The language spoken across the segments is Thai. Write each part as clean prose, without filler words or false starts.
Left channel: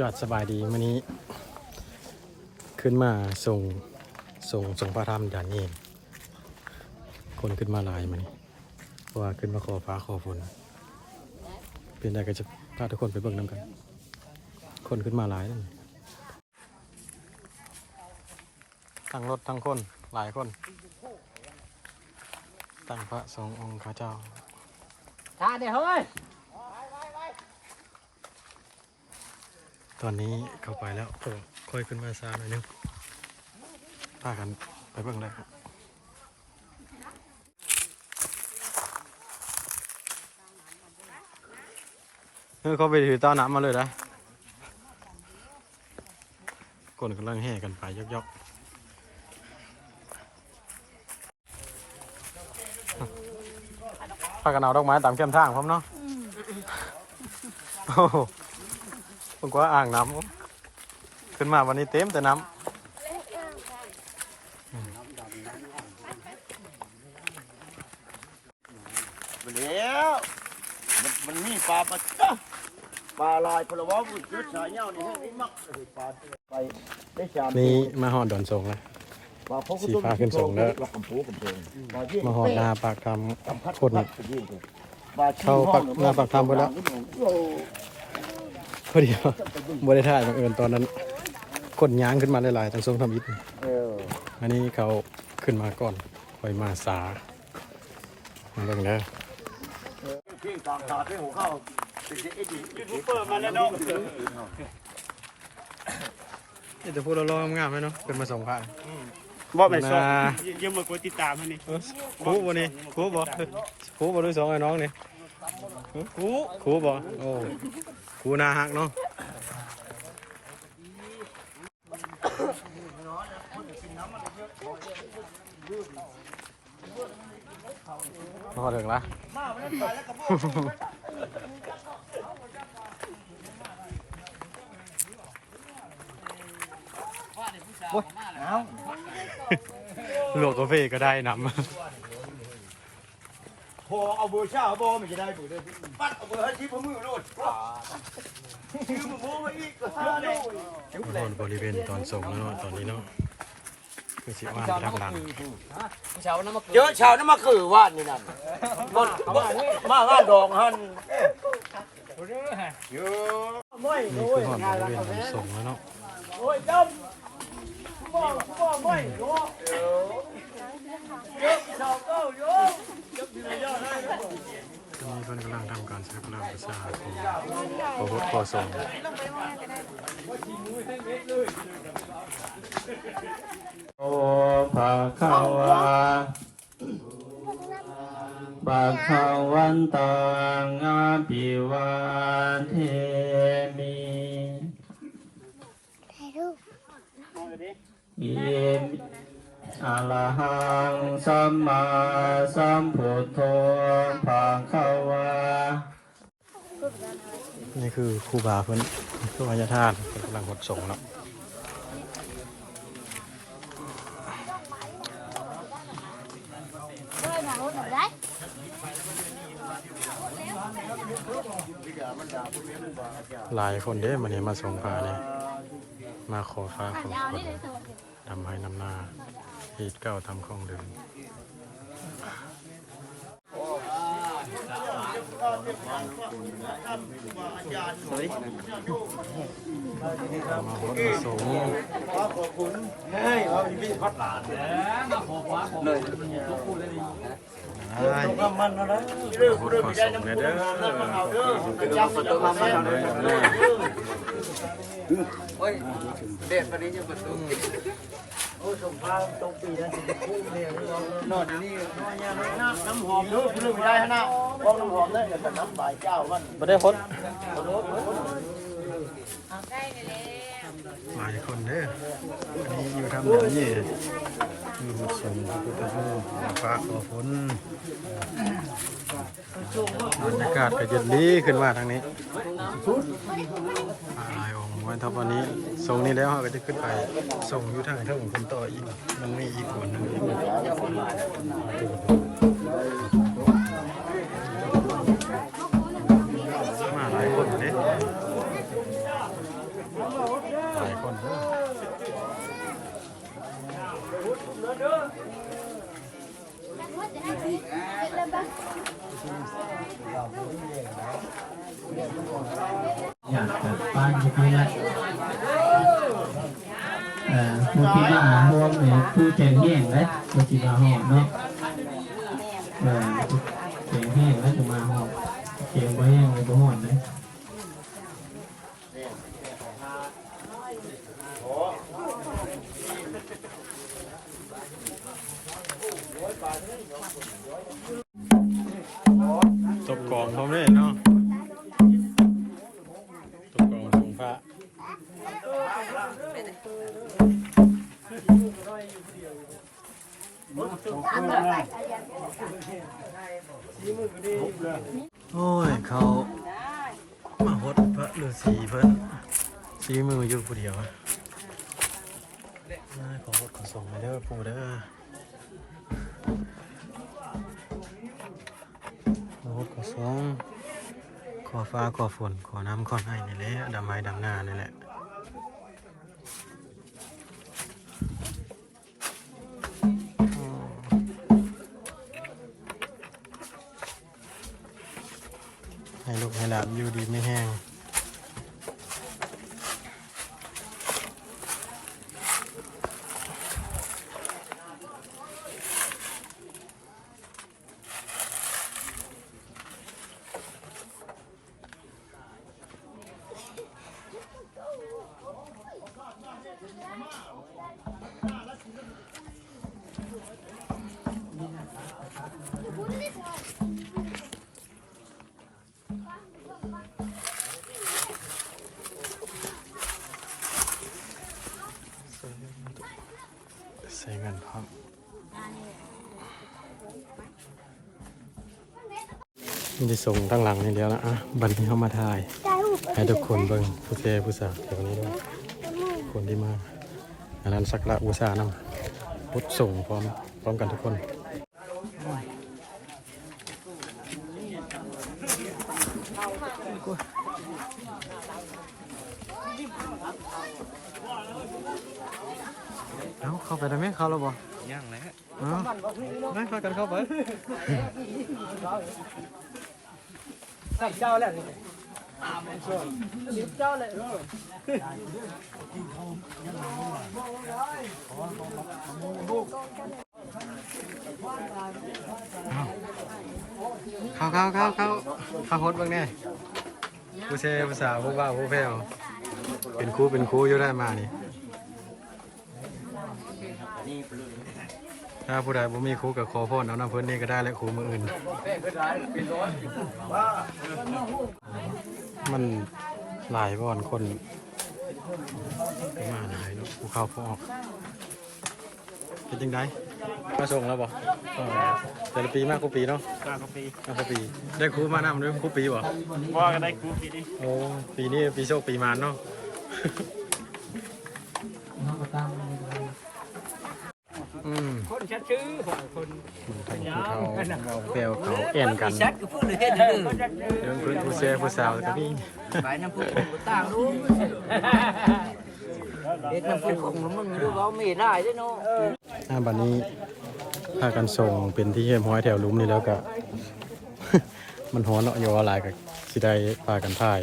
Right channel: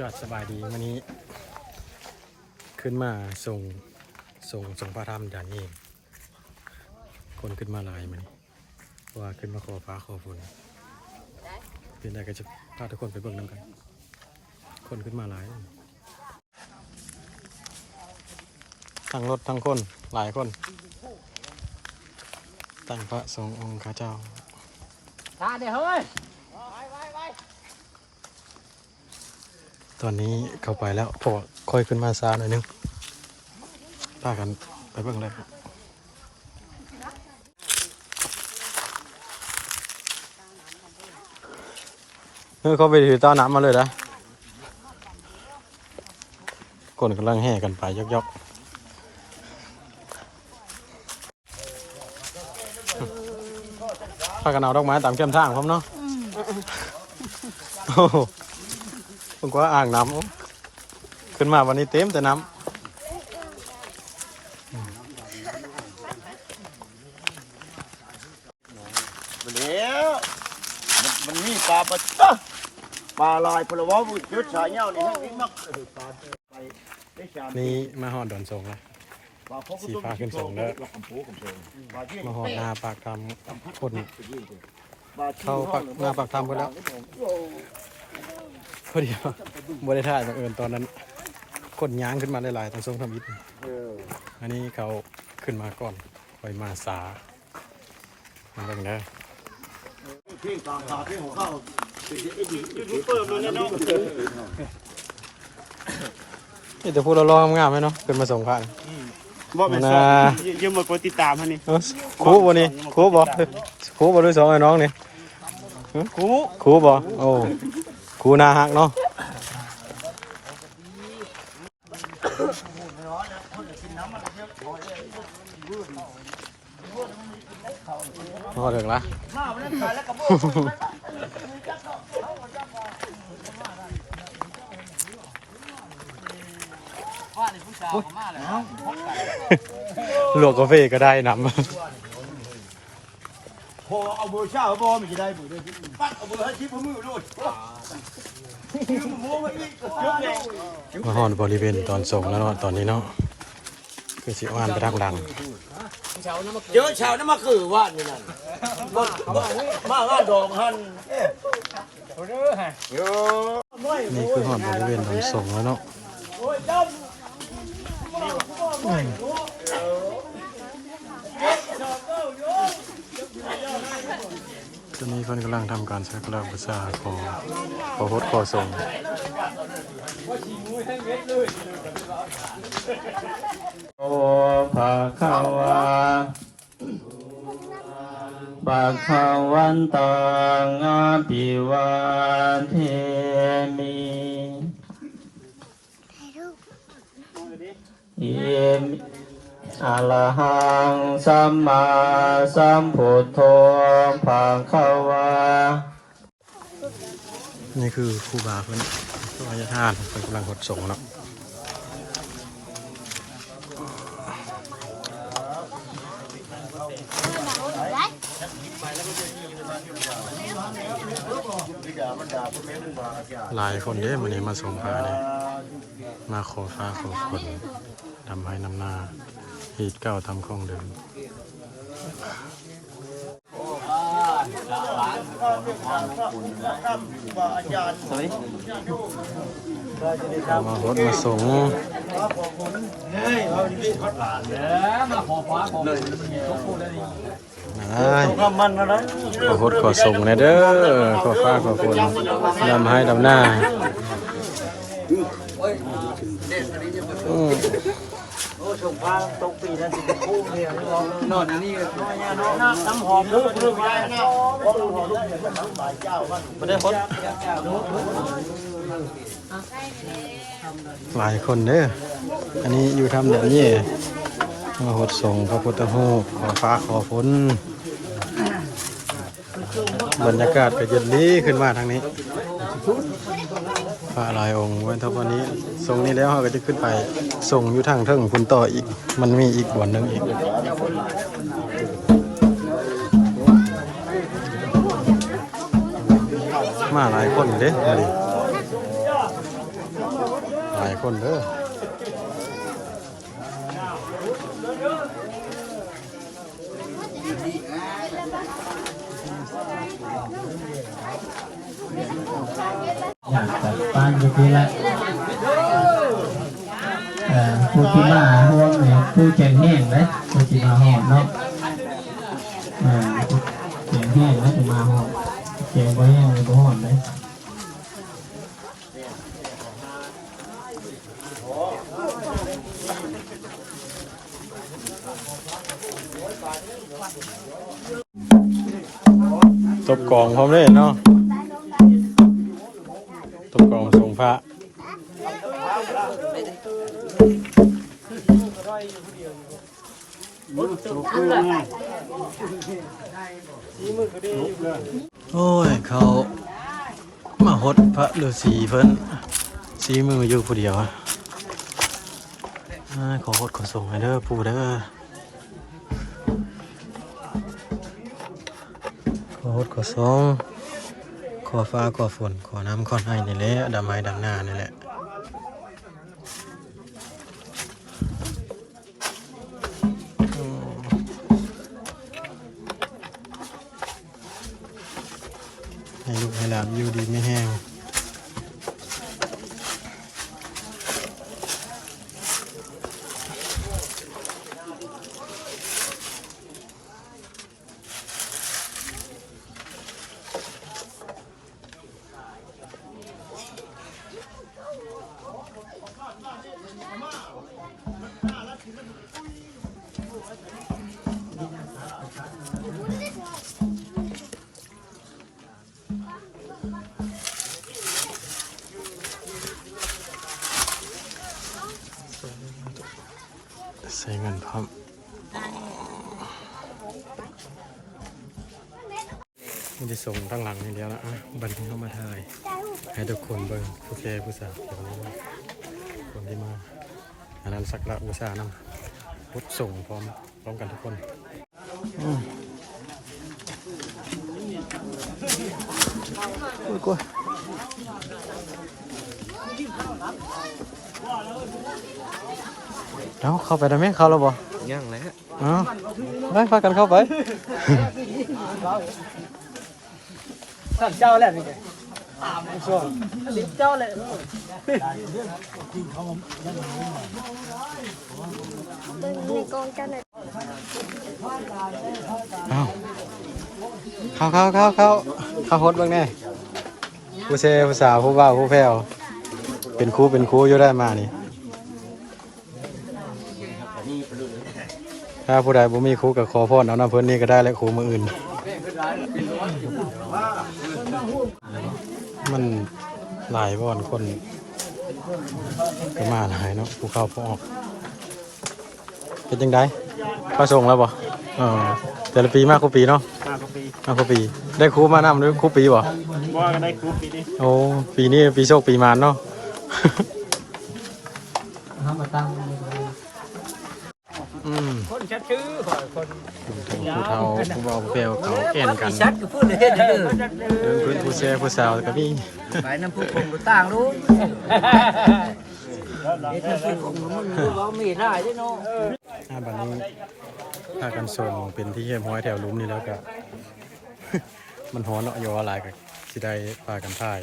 จอดสบายดีวันนี้ขึ้นมาส่งพระธรรมด่านนี้คนขึ้นมาหลายมันว่าขึ้นมาขอฟ้าขอฝนเป็นได้ก็จะพาทุกคนไปเบิ่งน้ำกันคนขึ้นมาหลายทั้งรถทั้งคนหลายคนตั้งพระสงฆ์องค์ข้าเจ้าตอนนี้เข้าไปแล้วพอค่อยขึ้นมาซาหน่อยนึงพากันไปเบิ่งเลยเขาไปถือเต้าน้ำมาเลยนะคนกำลังแห่กันไปยกพากันเอาดอกไม้ตามเข้มทางพร้อมเนาะโอ้ผมว่าอ่างน้ำขึ้นมาวันนี้เต็มแต่น้ำแล้วมันมีปลาปะปลาลายพลวะบุตรสายเงานี่ทั้งนี้มักปลาไปนี่มาหอดดอนทรงเลยสีฟ้าขึ้นทรงแล้วมาหอดนาปากคำคนเข้าปักนาปากคำไปแล้วพอดีบริถ่ายบังเอิญตอนนั้นคนย้างขึ้นมาหลายๆต้องทรงทำอิฐอันนี้เขาขึ้นมาก่อนคอยมาสามาเบิ่งได้ที่กลางตาที่หัวเข้ายูทูบเบอร์มาเนี่ยเนาะนี่จะพูดเราลองงามไหมเนาะเป็นมาส่งผ่านบอกไปสองยืมมากดติดตามฮะนี่คูบ่นี่คูบ่ด้วยสองไอ้น้องนี่คูบ่โอ้คูนาฮักเนาะพอถึงละลวกกาแฟก็ได้น้ำพอเอาเบอร์เช่าบอมันจะได้เบอร์เดิมปัดเอาเบอร์ให้ชิปมือด้วยมาหอนบริเวณตอนส่งแล้วเนาะตอนนี้เนาะคือสิอ่านไปทางดังเยอะชาวนั้นมาคือว่านนี่นั่นมาว่านดองหันนี่คือหอนบริเวณตอนส่งแล้วเนาะตอนนี้เพิ่นกำลังทำการสักการะบูชาขอโพธิ์ขอส่งโอภะคะวาภะคะวันตังอะภิวาเทมิอิมิอะระหังสัมมาสัมพุทโธภะคะวานี่คือครูบาเพิ่นตัวญาติธาตุเพิ่นกำลังหดส่งเนาะหลายคนเด้มันนี้มาส่งพาเนี่ยมาขอฟ้าขอฝนทำให้นำหน้าฮีดเก้าทำของเดิมมาหดมาส่งขอโทษขอส่งนะเด้อขอฟ้าขอฝนนำให้ดำหน้าโอ้ชมพาตกปีนั้นสิบคู่เนี่ยนี่ลองนอนนี่น้อยเนี่ยน้องน้ำหอมเลือกไม่ได้นะไม่ได้พดหลายคนเด้ออันนี้อยู่ทำแบบนี้มาหดส่งพระพุทธรูปขอฟ้าขอฝนบรรยากาศก็เย็นดีขึ้นมาทางนี้พระหลายองค์วันทับวันนี้ส่งนี้แล้วเราก็จะขึ้นไปส่งอยู่ทางเทิงคุณต่ออีกมันมีอีกบ่อนหนึ่งอีกมาหลายคนเด้ หลายคนเด้ออยากจัดตั้งอยู่ที่ละผู้ที่มาร่วมเนี่ยผู้แข่งแห้งเลยผู้ที่มาหอดเนาะแข่งแห้งแล้วจะมาหอดแข่งบ่แห้งเลยบ่หอดเลย ตบกองพร้อมเลยเนาะตบกองทรงพระโอ้ยเขามาหดพระฤาษีเพิ่นสีมืออยู่ผู้เดียวอะขอหดขอส่งให้เด้อปู่เด้อขอหดขอส่งขอฟ้าขอฝนขอน้ำขอให้นี่แหละดำไม้ดำหน้านี่แหละให้ลูกให้หลานอยู่ดีไม่แห้งใส่เงินพร้อมนี่จะส่งทั้งหลังนี่เดียวนะอ่ะบันที่เข้ามาถ่ายให้ทุกคนเบิ่งผู้เทผู้สาวเดี๋ยวนี้ด้วยคนที่มาอันนั้นสักละบูชานำพุทธส่งพร้อมกันทุกคนกลัวเอาเข้าไปได้ไหมเข้าแล้วบ่ยังแล้วได้พากันเข้าไปสั่งเจ้าแล้วนี่เจ้าเลยเข้าฮดบ้างแน่ผู้เชผู้สาวผู้บ่าวผู้แพ้วเป็นครูอยู่ได้มานี่ถ้าผู้ใดบ่มีครูกับขอพรเอาน้ำเพิ่นนี่ก็ได้และครูมืออื่นมันหลายบ่อนคนก็มาหลายเนาะผู้เข้าผู้ออกเป็นจังไดก็ส่งแล้วบ่แต่ละปีมากกว่าปีเนาะมากกว่าปีได้ครูมานำหรือครูปีบ่ก็ได้ครูปีนี้โอ้ปีนี้ปีโชคปีมารเนาะคนชัดชื่อคนผู้เฒ่าผู้บ่าวผู้แพ้วเขาแอ่นกันเดินพื้นผู้แซ่ผู้สาวก็มีไปน้ำผู้ต่างรู้เด็ดน้ำผู้มีได้ด้วยเนาะบัดนี้พากันส่งเป็นที่เฮียมห้อยแถวลุ่มนี่แล้วก็ มันฮ้อนเนาะอยู่อะไรก็สิได้พากันถ่าย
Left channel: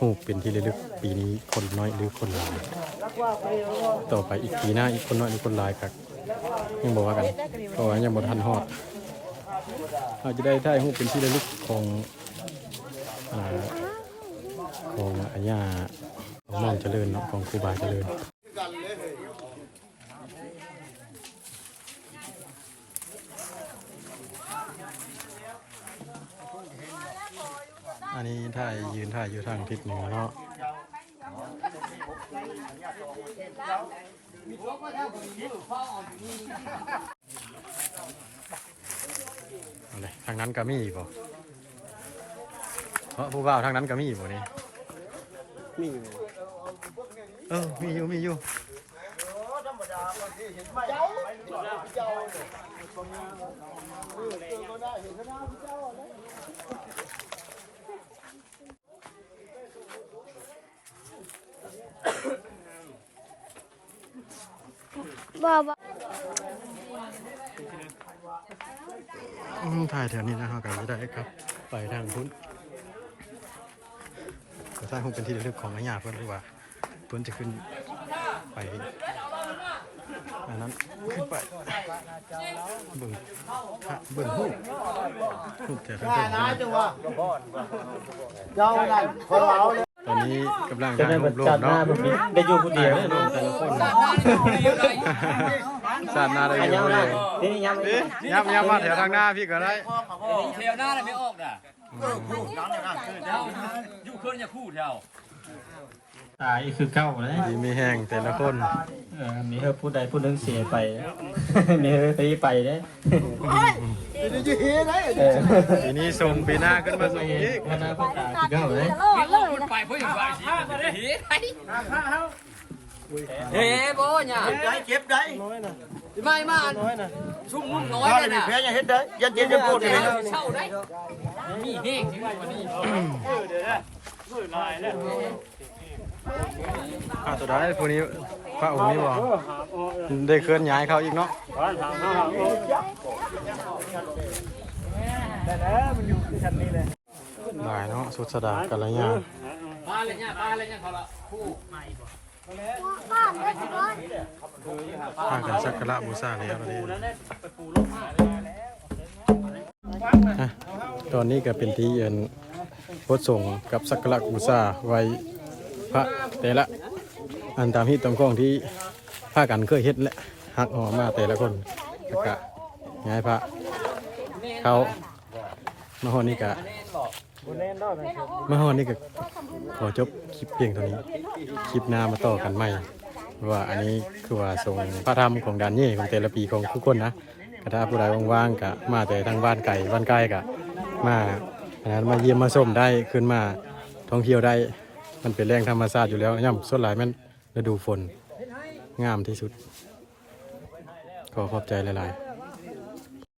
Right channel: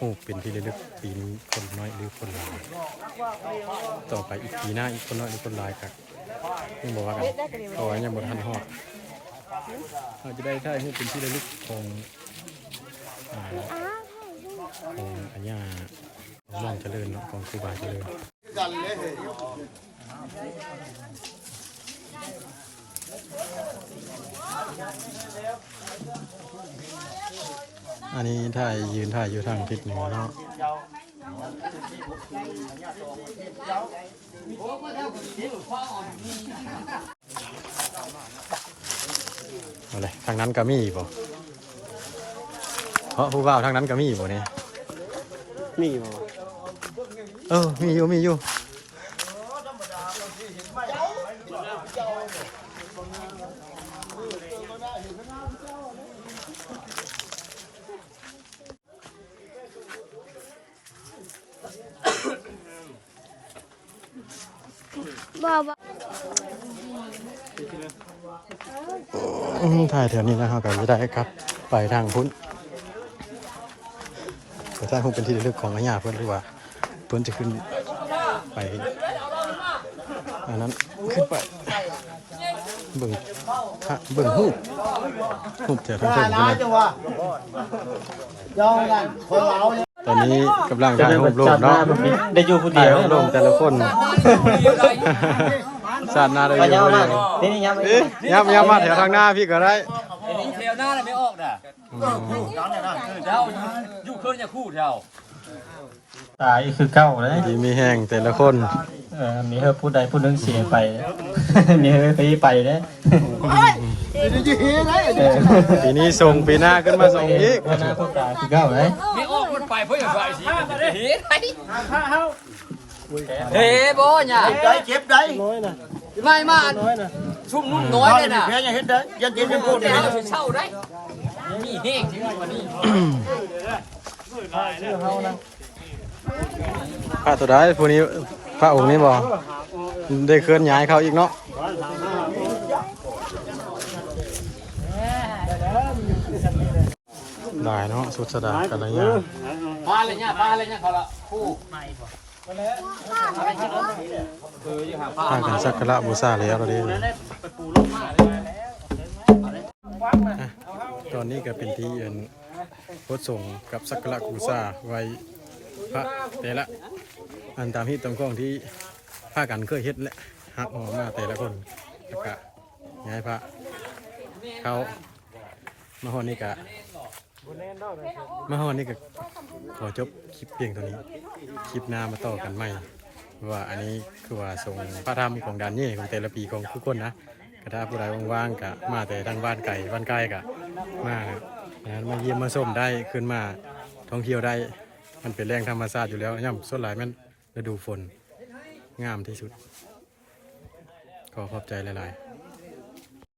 รูปเป็นที่ระลึกปีนี้คนน้อยหรือคนหลายต่อไปอีกปีหน้าอีกคนน้อยหรือคนหลายครับยังบอกว่ากันเพราะว่ายังบ่ทันฮอดอาจจะได้ถ่ายรูปเป็นที่ระลึกของอาญาของม่อมเจริญเนาะของครูบาเจริญอันนี้ยืนถ่ายอยู่ทางทิศเหนือเนาะเอาเลยทางนั้นก็มีบ่เพราะผู้บ่าวทางนั้นก็มีบ่เนี่ยมีบ่มีอยู่ ถ่ายแถวนี้นะครับก็จะได้ครับไปทางพุ้นแต่ถ้าคงเป็นที่ระลึกของอาญาเพื่อนหรือว่าเพื่อนจะขึ้นไปอันนั้นขึ้นไปเบิ่งหูบแถวทางเทิงนะตอนนี้กำลังถ่ายรูปรูปเนาะ ได้อยู่ผู้เดี ถ่าย ยว รูปรูปแต่ละคนสาดหน้าได้อยู่คนเดียว นี่นี่ยัง ย้ำมาแถวทางหน้าพี่ก็ได้ แถวหน้าเลยไม่ออกน่ะเจ้าอยู่เครื่องอย่าคู่แถว ตายคือเก้าเลย ดีมีแห้งแต่ละคน มีเฮอผู้ใดผู้หนึงเสียไป มีเฮอไปเนี่ย ปีนี้ส่งปีหน้าขึ้นมาส่งอีก หน้าพวกตายคือเก้าเลย ไม่ออกมันไปเพื่ออย่างไรสิเฮ้ยบ่เนี่ย ได้เจ็บได้ ไม่มาชุ่มนุ่มน้อย ข้าว เล เลย ยมี นะ แพ้ยังเฮ็ดได้ยันเจ็บยันโกรธเลย เช่าได้มีแห้งที่วันนี้ พระตัวใดพวกนี้พระองค์นี้บ่ได้เคลื่อนย้ายเขาอีกเนาะได้เนาะสุดสดากันอะไรเงี้ย ปลาอะไรเนี่ยปลาอะไรเนี่ยเขาละคู่ พากันสักการะบูชาแล้วเราได้ตอนนี้ก็เป็นที่พระสงฆ์กับสักการะบูชาไว้พระแต่ละอันตามที่ตรงข้องที่พากันเคยเฮ็ดและหักหอมาแต่ละคนแล้วก็ย้ายพระเขามาฮอดนี่กะขอจบคลิปเพียงเท่านี้คลิปหน้ามาต่อกันใหม่ว่าอันนี้คือว่าส่งพระธรรมของดานเย่ของแต่ละปีของทุกคนนะกระถ้าผู้ใดว่างๆกะมาแต่ทางบ้านไก่บ้านใกล้กะมาเยี่ยมมาส้มได้ขึ้นมาท่องเที่ยวได้มันเป็นแรงธรรมชาติอยู่แล้วย่ำส่วนหลายมันฤดูฝนงามที่สุดขอขอบใจหลายๆ